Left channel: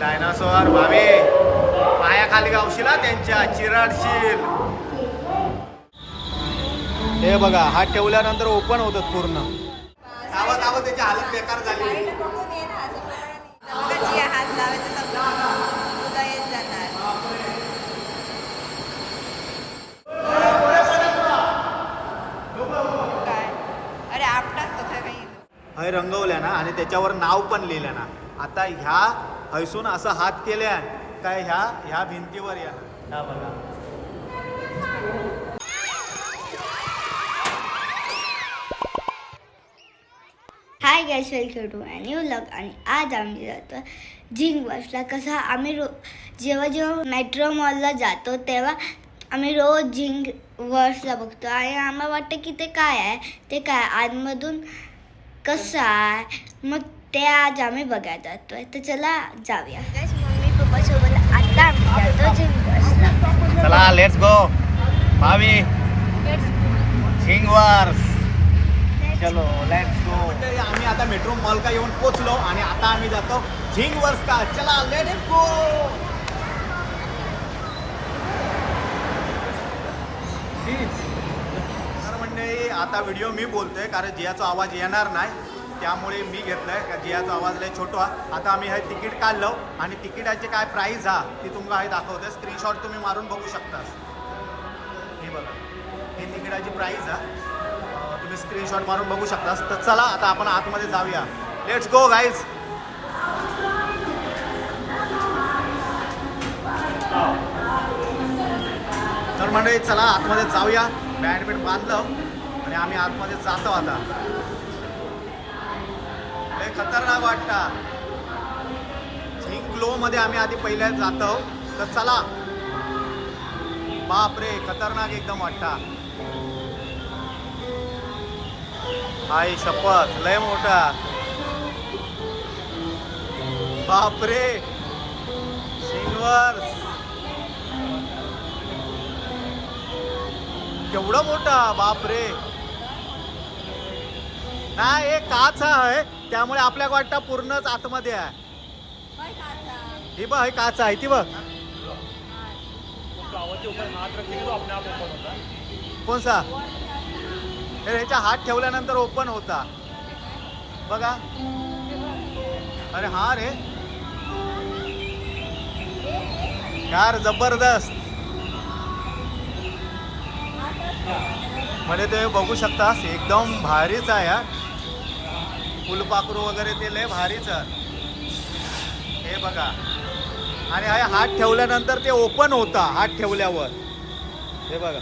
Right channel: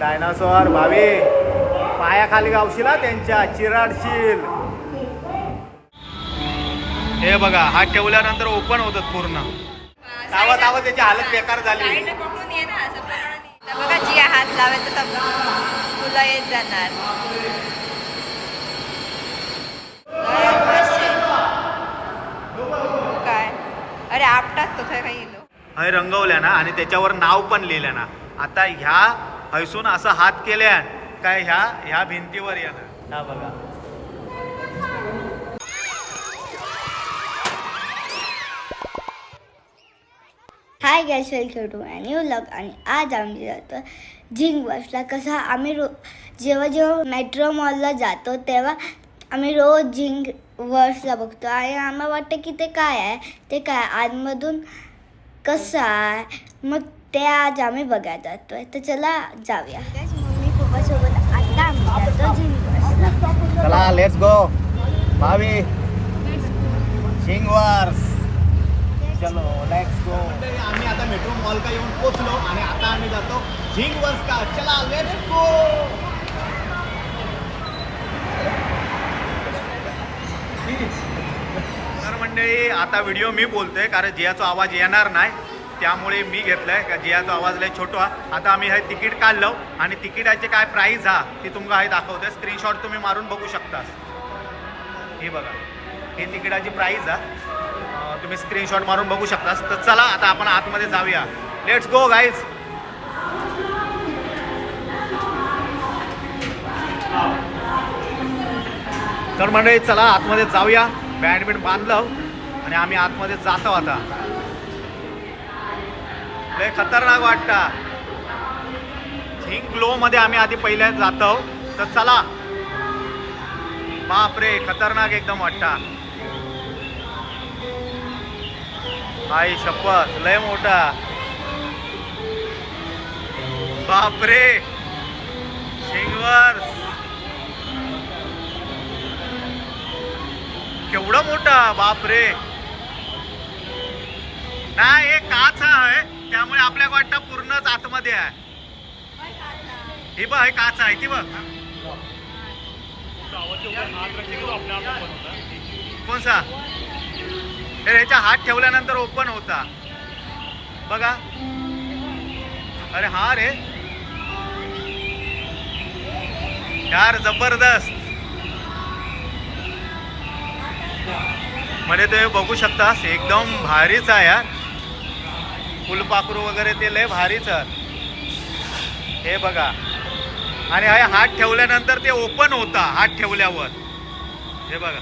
Dinosaur Bhave पायाखाली गावशील त्यांच्या चिराडशील. हे बघा हात ठेवल्यानंतर ओपन होतात पूर्ण. तावा तावा त्याची हालत बेकार झाली. बघा जी हात लावायचा तुला येत जाणार. काय अरे आपटात तो काही हे रंगवल्या ना आणि त्याच्यावर नाव पण लिहिल्या ना. आता ह्या हैसून असं हात केल्या काय ह्या भिंतीवर येणार. हा बघा hi guys, welcome to my new vlog. आणि आज आम्ही जातो झिंग वर्सला. कसं आम्ही जेव्हा मेट्रो मॉलला जातो तेव्हा आम्ही रोज झिंग वर्सला बघतो आणि आम्हाला वाटतं की ते काय आहे, ते काय आतमधून कसं आहे, मग ते आज आम्ही बघायला जातोय. तर चला जाऊया. मम्मी पप्पा सोबत आता आम्ही जातो झिंग वर्सला. चला लेट्स गो भावी झिंग वर्स. चलो लेट्स गो. आम्ही आता मेट्रो मॉल का येऊन पोचलो आणि आता आम्ही जातो झिंग वर्स का. चला लेट्स गो. तर मंडळी आता व्हिडिओ मी बोलतोय कारण जियाचा आवाज येणार नाही, त्यामुळे मी घेतलाय का जियाचा आवाज लय छोटा. आता आम्ही हे तिकीट काढलं आणि तिकिटाचे काय प्राईस हा ती तुम्हाला हे दाखवते. स्क्रीनशॉट तुम्ही मारून बघू शकता. हे बघा हे तिकिटाची प्राईस हा, तुम्ही स्क्रीनशॉट मारून बघू शकता. तर चला आता आपण आतमध्ये जाऊया. Let's go guys. तर मंडळी चला आतमध्ये जाऊया. बॅडमिंटन बांधलं आणि आम्ही आतमध्ये जातो. आता लय खतरनाक वाटता. झिंग ग्लो मध्ये आम्ही आधी पहिल्या जातो. तर चला. बापरे खतरनाक एकदम वाटता. आई शपथ लय मोठा. बापरे झिंग वर्स केवढं मोठा. बापरे नाही हे काच आहे त्यामुळे आपल्या वाटतं पूर्णच आतमध्ये आहे. ही बघ हे काच आहे ती बघ. कोणसा हे ह्याच्या हात ठेवल्यानंतर ओपन होता बघा. अरे हा रे यार जबरदस्त. म्हणजे तुम्ही बघू शकता एकदम भारीच आहे यार. फुलपाखरू वगैरे ते लय भारीच आहे. हे बघा आणि हा हात ठेवल्यानंतर ते ओपन होता. हात ठेवल्यावर हे बघा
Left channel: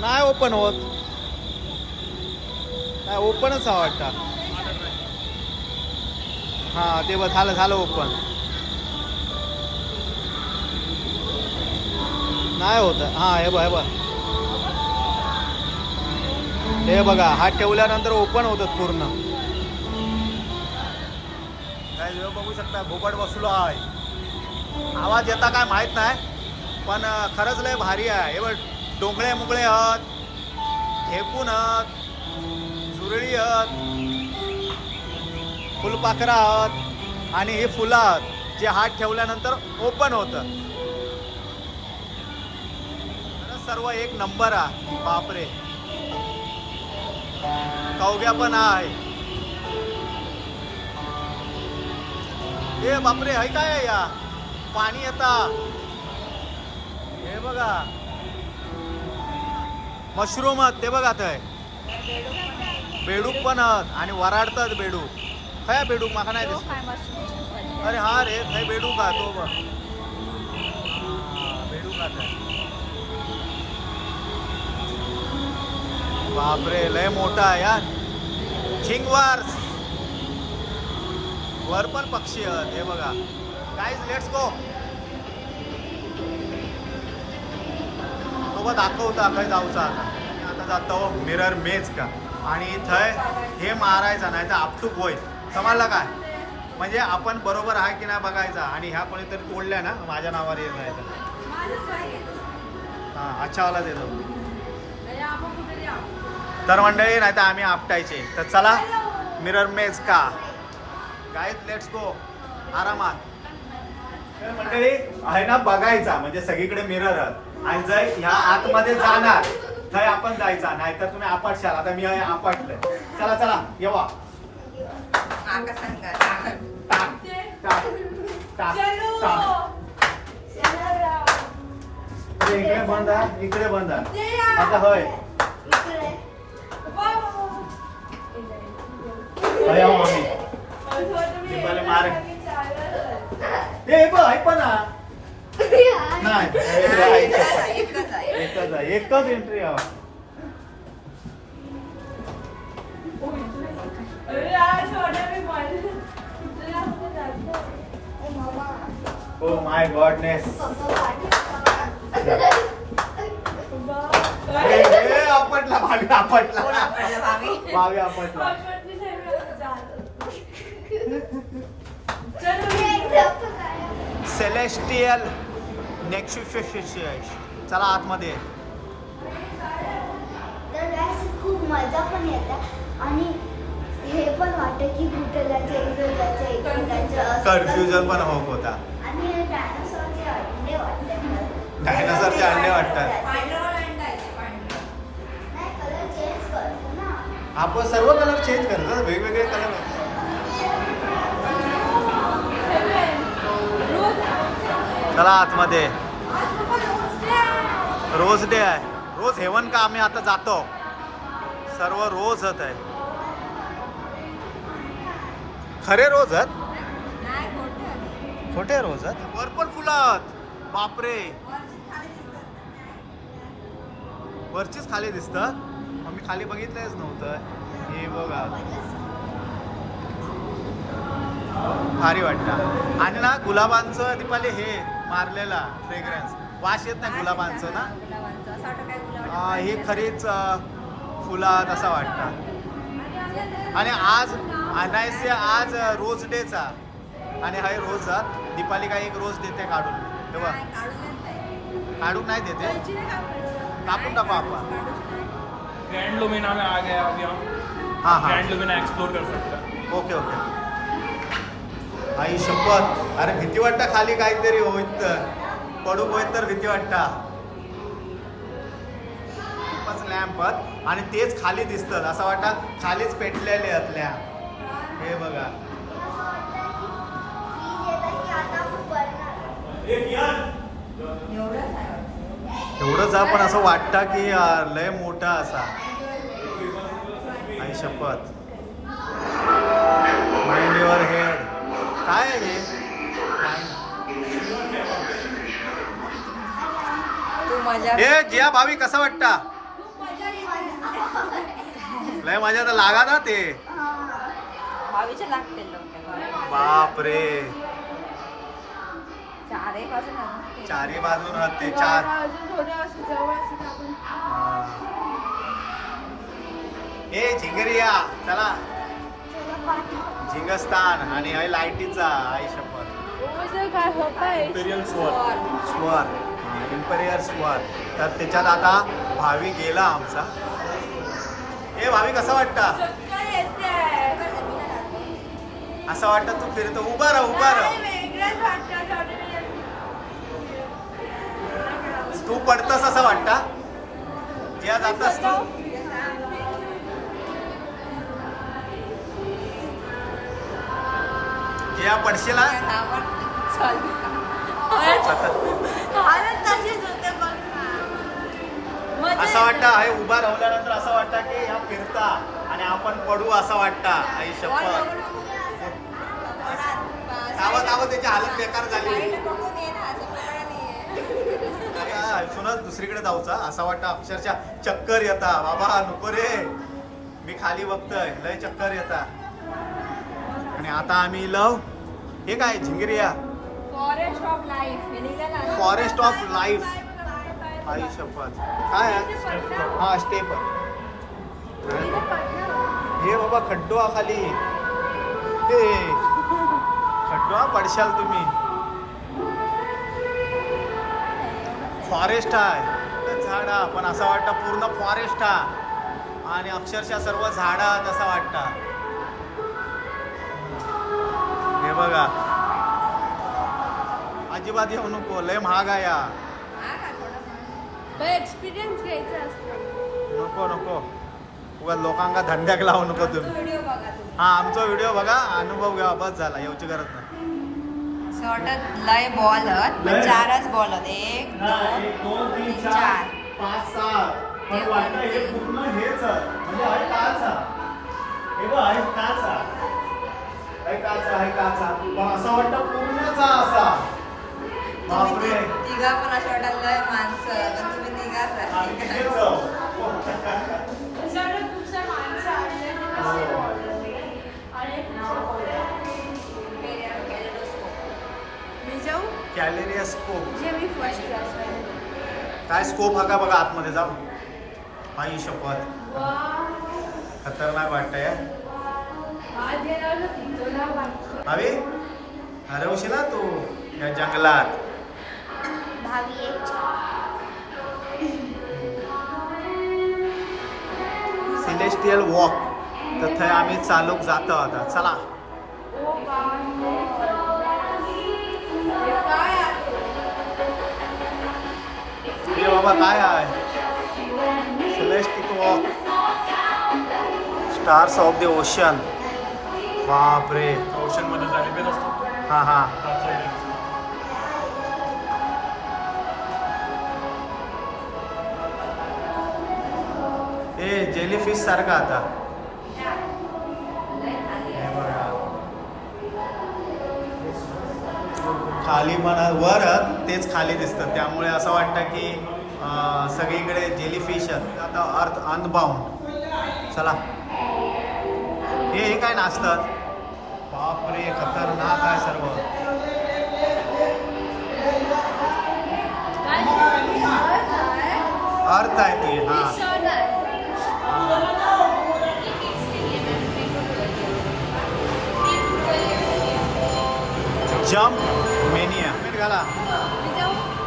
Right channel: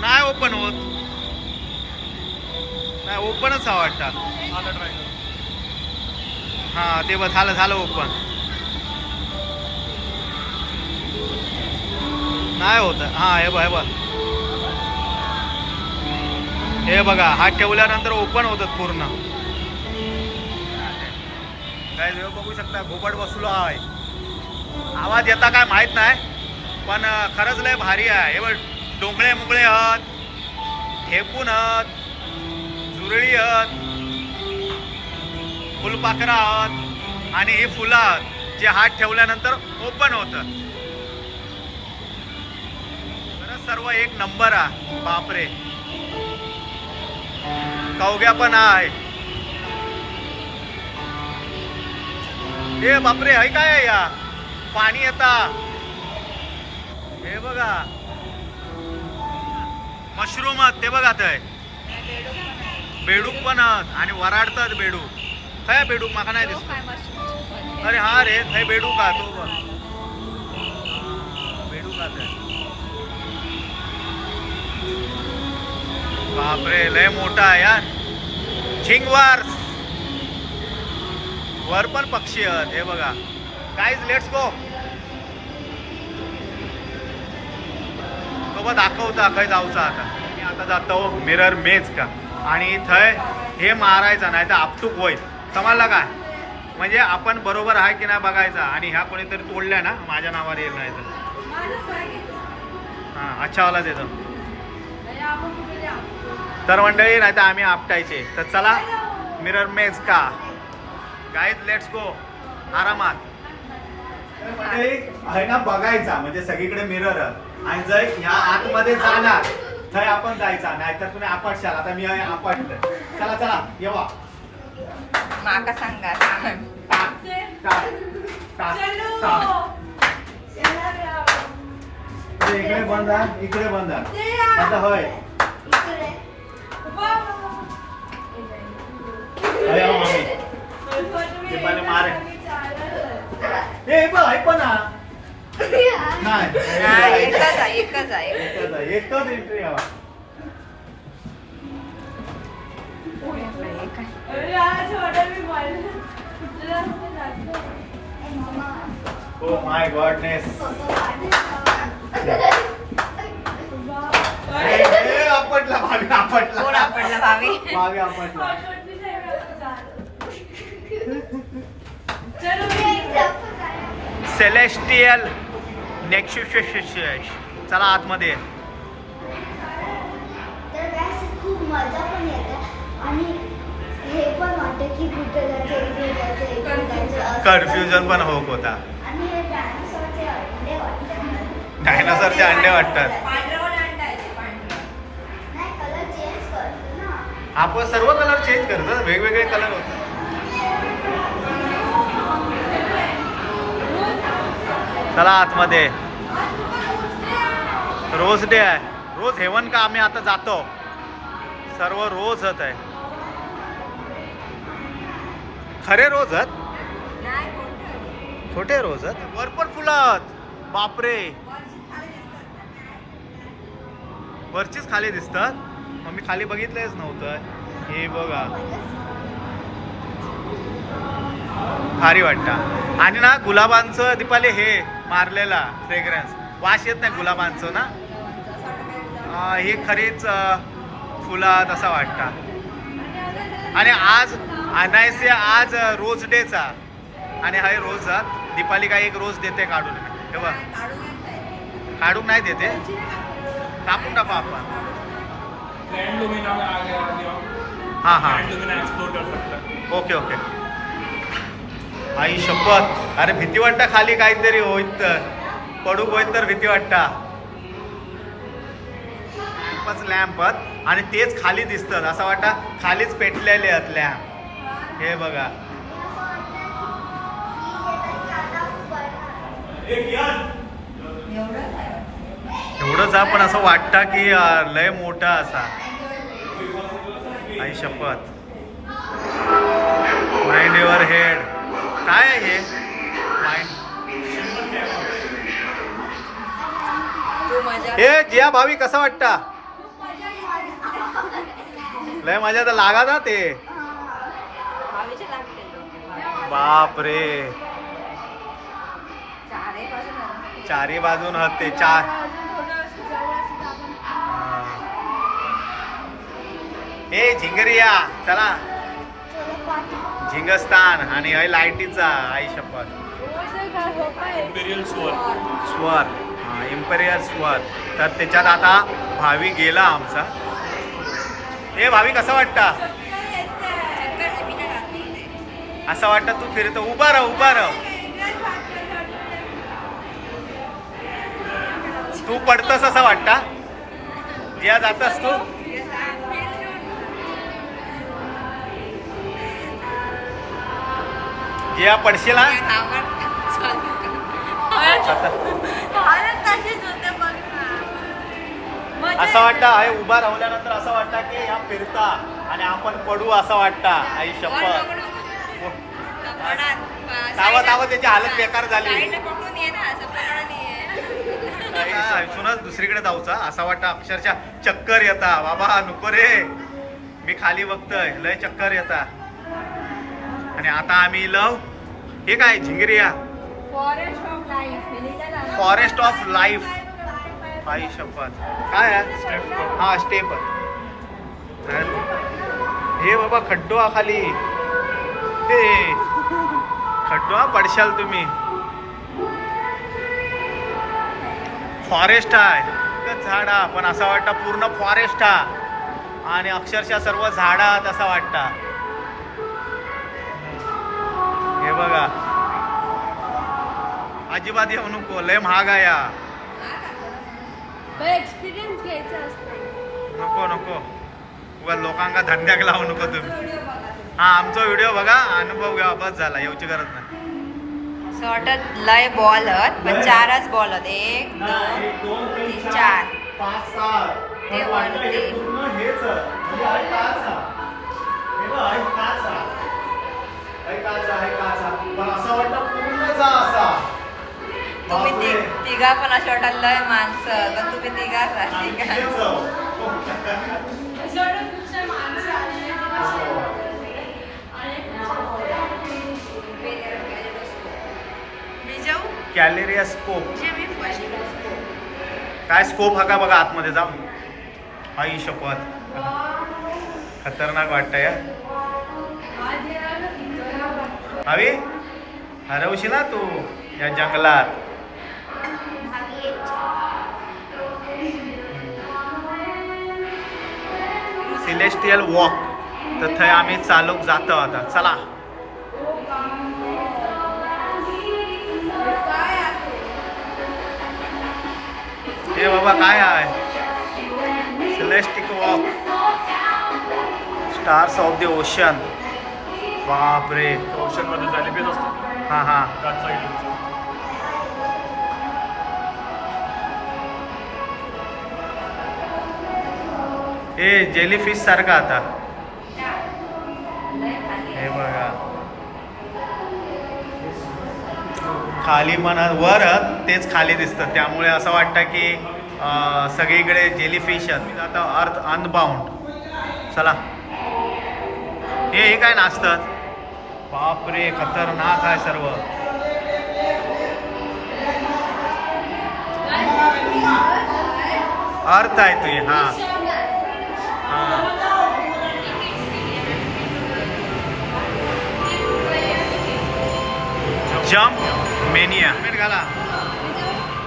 नाही ओपन होत. नाही ओपनच हा वाटतं. हा ते बघ झालं ओपन. नाही होत. हा हे बघ हे बघा हात ठेवल्यानंतर ओपन होतात पूर्ण. काय बघू शकता घोबड बसलो आहे. आवाज येता काय माहित नाही पण खरंच लय भारी आहे. हे बघ डोंगळे मुगळे हत, ढेपून हत, जुरळी हत, फुलपाखरा हत आणि हे फुलं हत जे हात ठेवल्यानंतर ओपन होतं. सर्व एक नंबर आहे. बापरे कवग्या पण आहे. हे बापरे है काय आहे या पाणी येता. हे बघा मशरूम ते बघा ते बेडूक पण आणि वराडतात बेडूक. काय बेडूक माका नाही दिसत. अरे हा रे हे बेडूक का तो बघ बेडूक आहे. बापरे लय मोठा आहे यार. झिंग वर्स वर पण पक्षी आहेत. हे बघा गाईज लेट्स गो. तो बघ दाखवता खय जाऊचा. आता मी आता जातो मिरर मेज का आणि थंय हे मारायचं नाही तर आपटूक होईल. समजला काय म्हणजे आपण बरोबर आहे की नाही बघायचा. आणि ह्या कोणीतरी तोडल्या ना माझ्या नावावर येईल नाही तर हां अच्छा वाला देतो. तर मंडळी नाही तर आम्ही आपटायचे. तर चला मिरर मेज का गाईज लेट्स गो. आरामात. तर म्हणजे आहे ना बघायचा म्हणजे सगळीकडे मिरर आणि जर ह्या आतमध्ये जाणार तर आपण जायचा, नाहीतर तुम्ही आपटशाल. आता मी आपटलं. चला चला येवा. माका सांगा. टाक, टाक, टाक, टाक. इकडे बंद आहे, इकडे बंद आहे. आता होय आम्ही दीपाली मारे. ए पण ऐक ना. नाही एकच आहे. एकच एंट्री हवा. Oh my goodness. आपटला भावी, आपटला. कोण आपटला भावी? भावी आपटला. Celestial next. चला आतमध्ये. तर असं खूप मजा पण येते आणि हे पण वाटतं की कुठं जायचं, इकडे जायचं, इकडे जायचं असं. कन्फ्युजन पण होत होता. आणि हे डायनासॉरचे अंडे वाटतात. डायनासॉरचे अंडे वाटतात. नाही, कलर चेंज करतो ना. आपण सर्व कलर चेंज करतो, वेगवेगळे कलर होतात. चला आतमध्ये. रोज डे आहे. रोज हेवन का आम्ही आता जातो. सर्व रोज आहे. खरे रोज आहेत, खोटे रोज आहेत. वर पण फुलं आहेत. बापरे, वरचीच खाली दिसतात. मग मी खाली बघितलंच नव्हतं. हे बघा भारी वाटतं. आणि ना गुलाबांचं दीपाली हे मारलेला फ्रेग्रन्स वास येत नाही गुलाबांचं ना. हे खरीच फुलात असं वाटतं. आणि आज आणायचे आज रोज डेचा आणि हा रोज दीपाली काय एक रोज देते काढून. तेव्हा काढून नाही देते, टाकून टाकू आपण. ग्रैंड लुमिना में आ गया अभी हम. हाँ हाँ ग्रैंड लुमिना एक्सप्लोर कर सकते हैं. Okay okay. आई शपथ. अरे भीती वाटतं खाली काहीतरी होईत तर पडू होईत तर भीती वाटतं. खूपच लॅम्प आणि तेच खाली दिसतात. असं वाटतं खालीच पेटलेले आहेत लॅम्प. हे बघा. एवढंच आहे पण असं वाटतं की लय मोठा असा. आई शपथ. Mind your head. काय आहे हे माइंड? हे जिया भावी कसा वाटता? लय मजा तर लागा ना ते. बापरे, चारी बाजून आहेत ते चार. हे झिंगरिया. चला झिंगस्तान. आणि हे लाईटीचा. आई शपथ. इंपीरियल स्वर. स्वर. इम्पेरियल स्वर. तर त्याच्यात आता भावी गेला आमचा. हे भावी कसं वाटतं? असं वाटतं तू फिरतो. उभा राह, उभा राह. तू पडतस असं वाटतं. या जातस तू. या पडशील ना. असं वाटतं आहे उभा राहिल्यानंतर असं वाटतं की ह्या फिरता आणि आपण पडू असं वाटतं. आई शपथ. तावं तावं त्याची हालत बेकार झाली. सुनच दुसरीकडे जाऊचा असं वाटतं. अक्षरशः चक्कर येता. बाबा नको रे. मी खाली बघतोय लय चक्कर येता. आणि आता आम्ही लव. हे काय झिंगरिया. Forest of life. आई शपथ. काय आहे? हा स्टेप. हे बाबा खड्डो खाली. ते खड्डो पडशाल तुम्ही. फॉरेस्ट आहे. झाडा पण असं वाटतं पूर्ण फॉरेस्ट हा. आणि अक्षरशः सर्व झाडात असं वाटतं. हे बघा अजिबात येऊ नको, लय महाग आहे या. एक्सपिरियन्स घ्यायचा असतो. नको नको, उगा लोकांना धंद्याक लावू नको तुम्ही. हा आमचा व्हिडिओ बघा, अनुभव घ्या, बस झाला, येऊची गरज नाही. असं वाटत लय बॉल आहेत पण 4च बॉल आहेत. 1 2 3 4 5 7 हे वाटलं हे पूर्ण हेच म्हणजे आहे काचा. हे बघ आहे काचा. आहे काचा, आहे काचा. पण असं वाटतं पूर्णचा असा. तुम्ही बापरे. तिघा पण अशा वाटत लय माणसं पण तुम्ही तिघाच आणि असते का? हेच. मी जाऊ कॅलेरिया स्कोप. जे मी फर्स्ट काय स्कोप हा का बघा आतमध्ये जाऊ. आई शपथ, खतरनाक वाटतंय या. हवी हरवशी ना तू या जंगलात. सिलेस्टियल वॉक, तर थंय आम्ही चालूक जातो आता. चला. हे बाबा काय आहे? Celestial walk, stars of the ocean. बापरे. ओशन मध्ये झाले बेस असतो हा हा. त्याच साईड. हे जेलीफिश सारखं आता. हे बघा खाली पण वर तेच खाली दिसतं, त्यामुळे असं वाटतं की सगळीकडे जेलीफिश आहेत. आता अर्थ अनबाउंड. चला. हे काय नाचतात. बापरे, खतरनाक आहे सर्व. अर्थ आहे तुझी. हा जम्प मेनिया. घाला.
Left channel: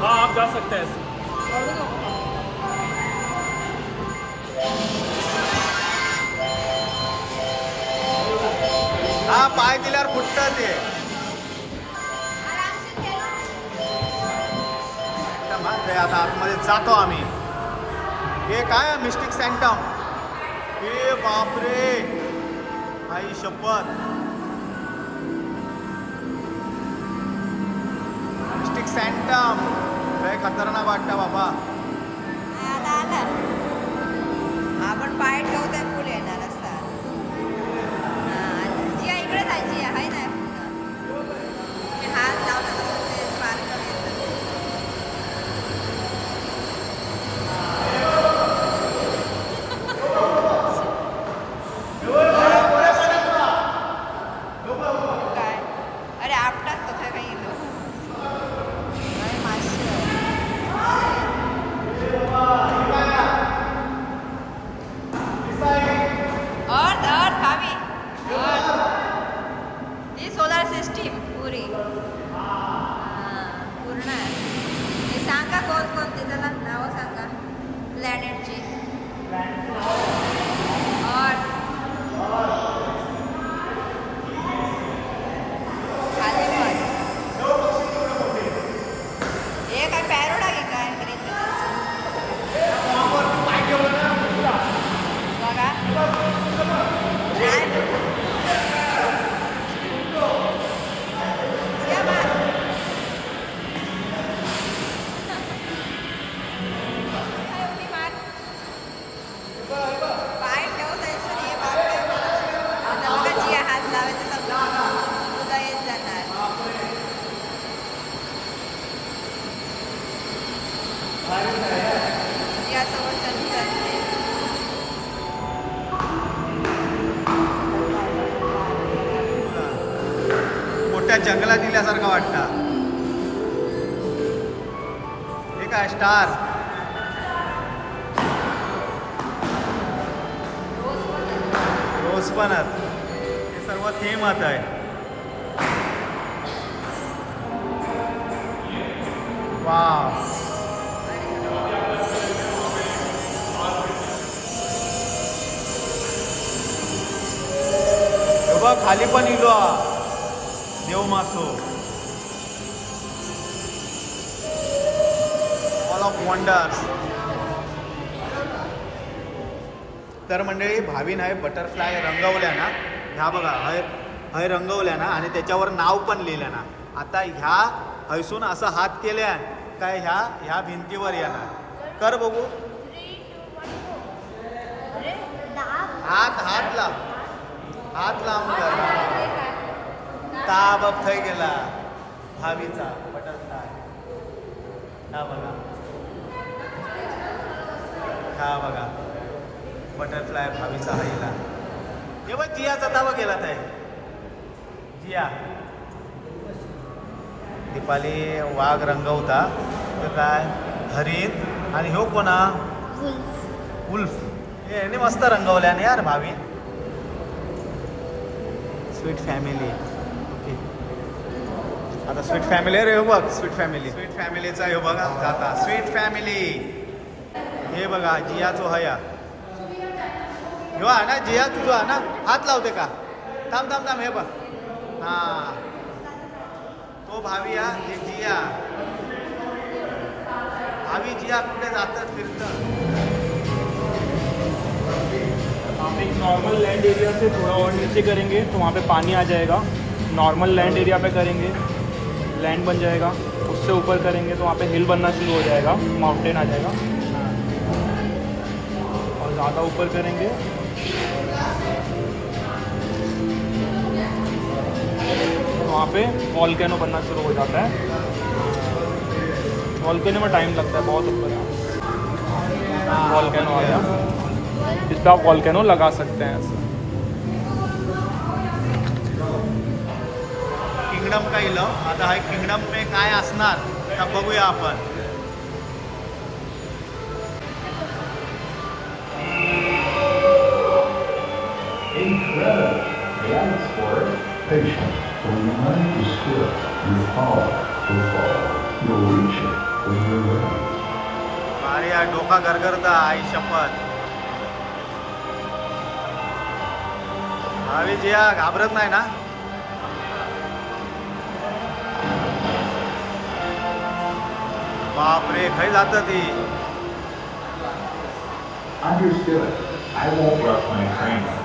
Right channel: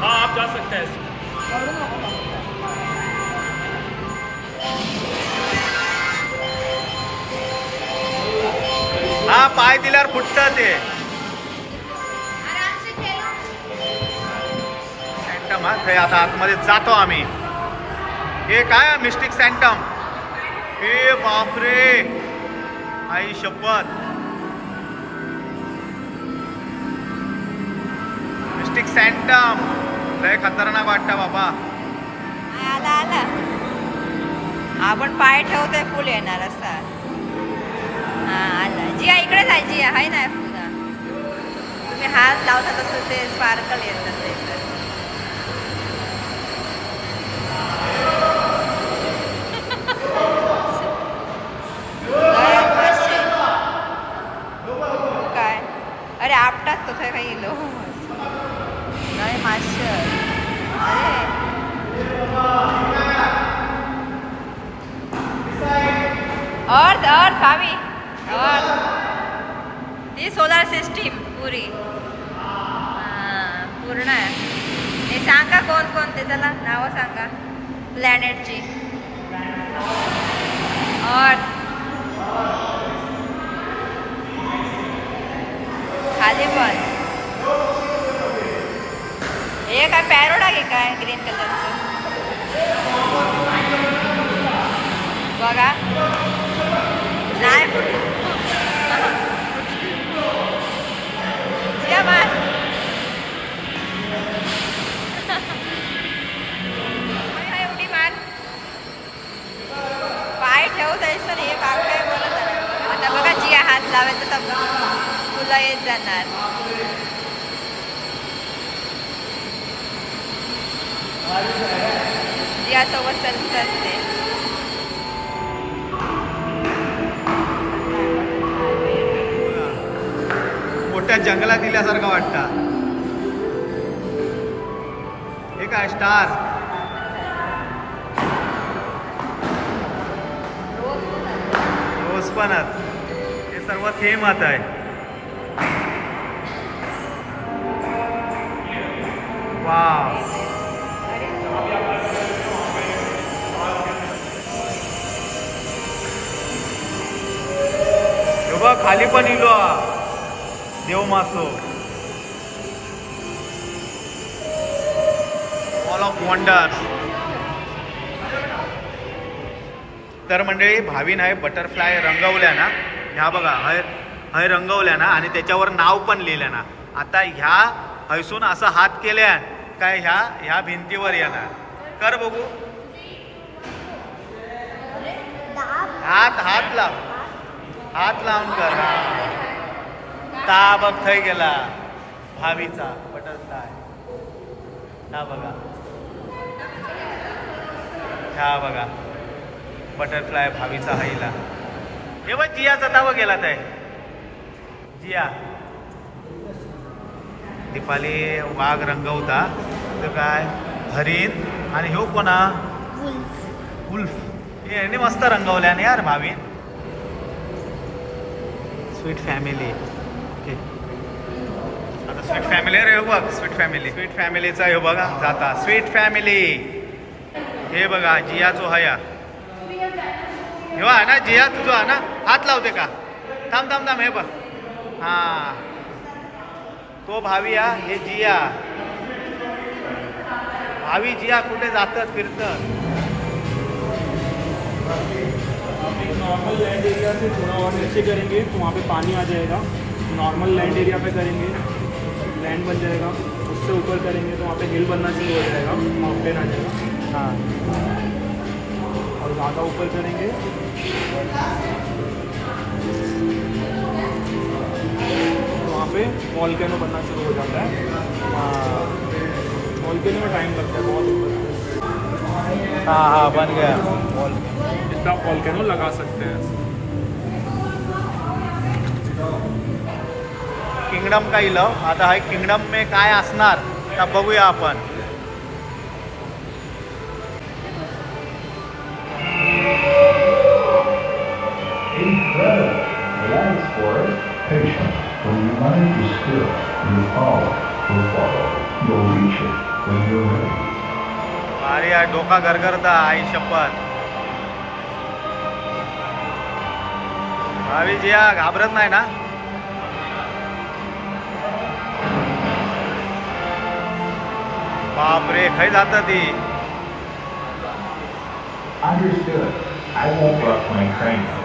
हाँ आप जा सकते हैं. हा पाय दिल्यावर फुटतं ते. सँटम. हा ते आता आतमध्ये जातो आम्ही. हे काय मिस्टिक सँटम. हे बापरे, आई शपथ. मिस्टिक सँटम लय खतरनाक वाटतं बाबा. आला आला. आपण पाय ठेवतोय फुल येणार असा. हा आला. जिया इकडे जाय. जिया आहे ना पुन्हा. तुम्ही हात लावता तसं ते स्पार्कल येतात ते. काय अरे आपटात तो काही गेलो नाही माश्य. अरे अर्थ अर्थ भावी अर्थ. ही सोलार सिस्टीम पुरी. पूर्ण आहे. हे सांगा कोण कोणते, चला नावं सांगा प्लॅनेटची. अर्थ, खाली पण हे काय पॅरोडा घे काय ग्रीन कलरचं बघा. नाही या मार. एवढी मार. पाय ठेवू द्यायचं नाही. बाग काय म्हणत आहे. आता बघा जिया हात लावायचं तर तुला येत जाणार. जिया सोबत चलते. मोठ्या जंगलात दिल्यासारखं वाटतं. हे काय स्टार. रोज पण हे सर्व थेंब आता आहे. वाव. हे बघ खाली पण इलो देव मासो. Mall of wonders. तर मंडळी भावीन आहे बटरफ्लाय रंगवल्या ना, ह्या बघा हय रंगवल्या ना आणि त्याच्यावर नाव पण लिहिलं ना. आता ह्या हैसून असं हात केल्या काय ह्या भिंतीवर येणार. कर बघू. हात लावून कर. ता बघ थंय गेला भावीचा बटरफ्लाय. ह्या बघा बटरफ्लाय भावीचा हाईला. हे बघ जियाचा ताबा गेला ताय. जिया दीपाली वाघ रंगवता तर काय हरिण आणि ह्यो कोणा उल्फ. हे मस्त रंगवल्याने यार भावी. Sweet family. ओके आता स्वीट फॅमिली रे बघ. स्वीट फॅमिलीचा हे बघा जाता स्वीट फॅमिली. हे बघा जियाचो हया ह्यो आहे ना. जिया तुझो आहे ना. हात लावते का. थांब हे बघ. हा तो भावी हा. हे जिया. भावी जिया कुठे जातात फिरतं. आप एक नॉर्मल लैंड एरिया से थोड़ा और नीचे करेंगे तो वहाँ पे पानी आ जाएगा. नॉर्मल लैंड एरिया पे करेंगे लैंड बन जाएगा. उससे ऊपर करेंगे तो वहाँ पे हिल बनना शुरू हो जाएगा. माउंटेन आ जाएगा. हाँ और ज़्यादा ऊपर करेंगे तो वहाँ पे वॉल्केनो बनना शुरू हो जाता है. वॉल्केनो में टाइम लगता है बहुत ऊपर. हाँ बन गया. इसका आप वॉल्केनो लगा सकते हैं. किंगडम का इलं. आता हा किंगडम में काय असणार का बघूया आपण. Life for it, patient. When your mind is still, your power will follow. You'll reach it when you're ready. अरे यार डोका गरगरता आई शपथ. भावी जिया घाबरत नाही ना. बापरे खय जात ती. Understood. I won't rush my training.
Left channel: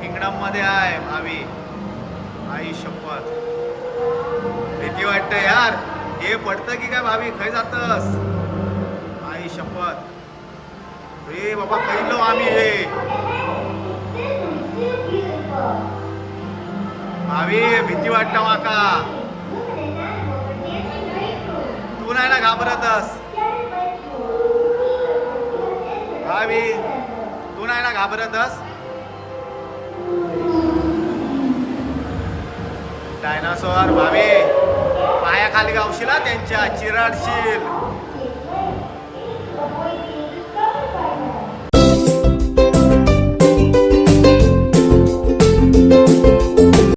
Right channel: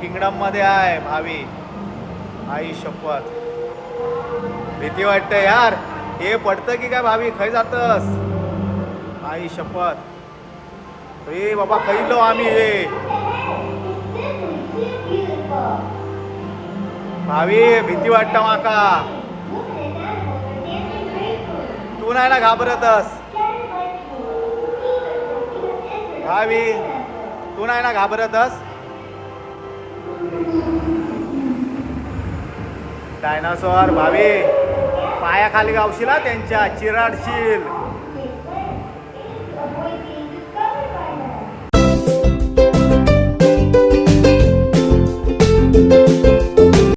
Kingdom मध्ये आहे भावी. आई शपथ भीती वाटतं यार. हे पडतं की काय भावी. खय जातस आई शपथ. रे बाबा खैलो आम्ही हे. भावी भीती वाटतं माका. तू नाही ना घाबरतस भावी. तू नाही ना घाबरतस. डायनासोर भावी पायाखाली गावशील त्यांच्या चिराडशील.